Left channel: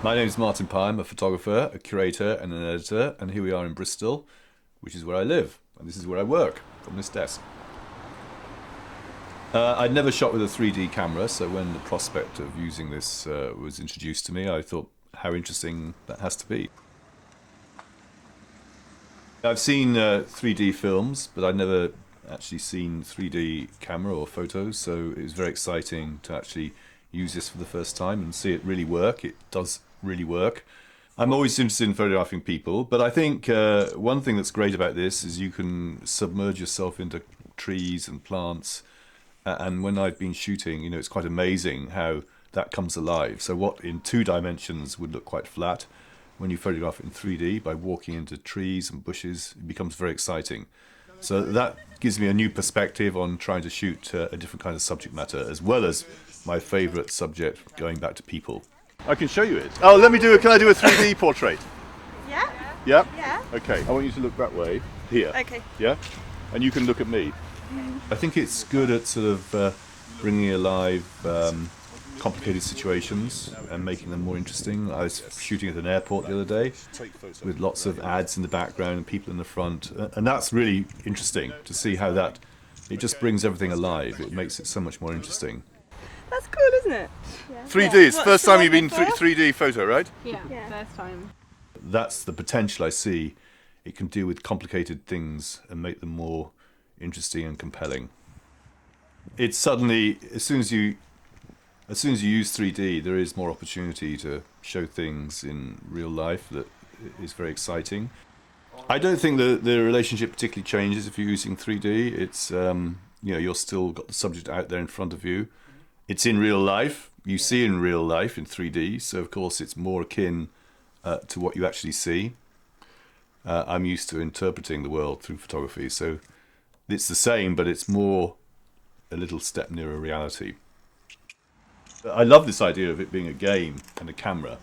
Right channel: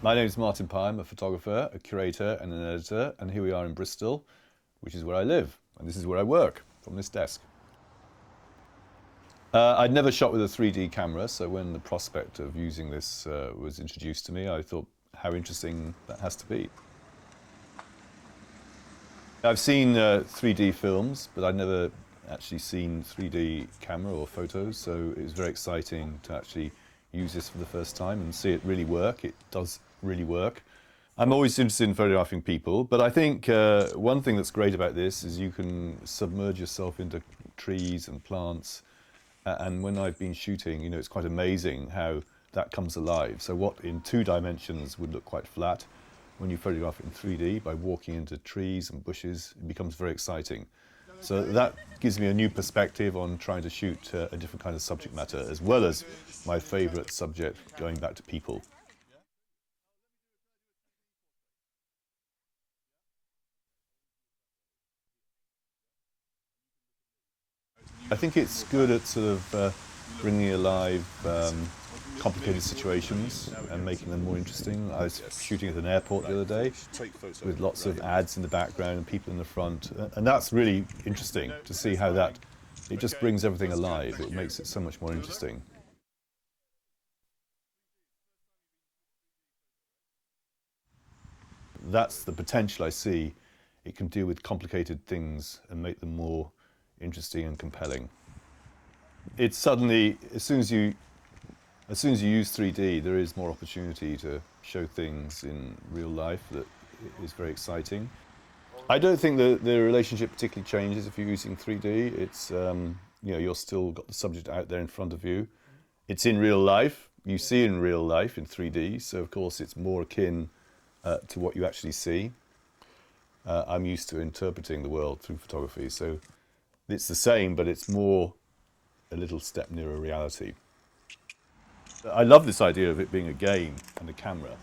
My name is Martin Pye. I'm a photographer, a curator, and an editor, and here we are in Bristol, which is where I live, and this is where I work, from this desk. I'd never shot with a 3D camera, so when the prospect of using this was introduced to me, I thought how interesting that has to be. I've seen 3D films, but I'd never actually seen 3D camera or photos, so it was very exciting to actually use this for the first time and see it really work. It does really work. I'm always interested in photographing people, but I think one thing that's great about this is you can submerge yourself into trees and plants. And when I've been shooting, it's quite amazing how that comes alive. So what in 2 dimensions would look quite flat, when you photograph it in 3D by walking into trees and bushes, it becomes very exciting. So that gives me a new perspective on trying to shoot a different kind of subject matter, as well as my favourite subject, going back to people. I can show you it. Oh, can I do a 3D portrait? Yeah? Yeah? Yeah. Okay, I want you to look that way, here. Okay. Yeah? And you can look at me. I think it's good at sort of bringing alive complicated situations and making them more interesting. I was shooting at an airport the other day with lots of ads in the background and people in the front, and that's really interesting to see how it just brings everything alive. It makes it so much more interesting. That's cool, isn't it? 3D, it's the What's first the time one you've been before? 3D photo, right? Yeah, Yeah. first time. That's the potential I see. It can deal with complicated things and make them more interesting and compelling. It's suddenly, as soon as you use 3D, there is more opportunity to show things in real life that is very exciting. I don't think the relationship particularly changes if you're using 3D. It's you're still got the subject out there in front of you. It's in real life. You see in real life in 3D, so of course it's more akin to what you actually see. I'm used to interpreting the world through photography, so it's the same, but it's more a little step nearer reality. I love this idea of it being a game and a camera.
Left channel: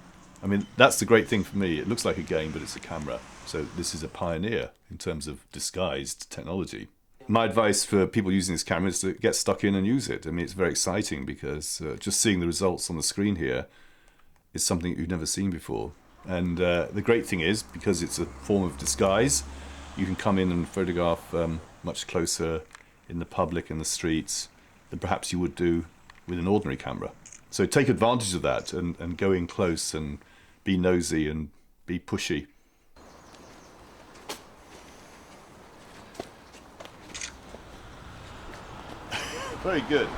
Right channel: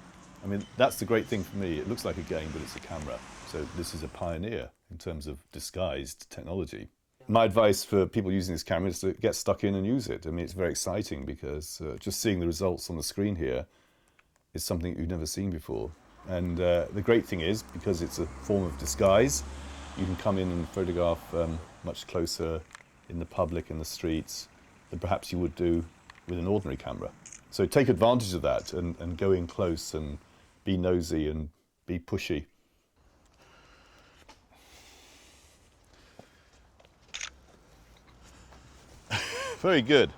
I mean, that's the great thing for me. It looks like a game, but it's a camera. So this is a pioneer in terms of disguised technology. My advice for people using this camera is to get stuck in and use it. I mean, it's very exciting because just seeing the results on the screen here is something that you've never seen before. And the great thing is, because it's a form of disguise, you can come in and photograph much closer in the public, in the streets, than perhaps you would do with an ordinary camera. So take advantage of that and go in close and be nosy and be pushy. Very good.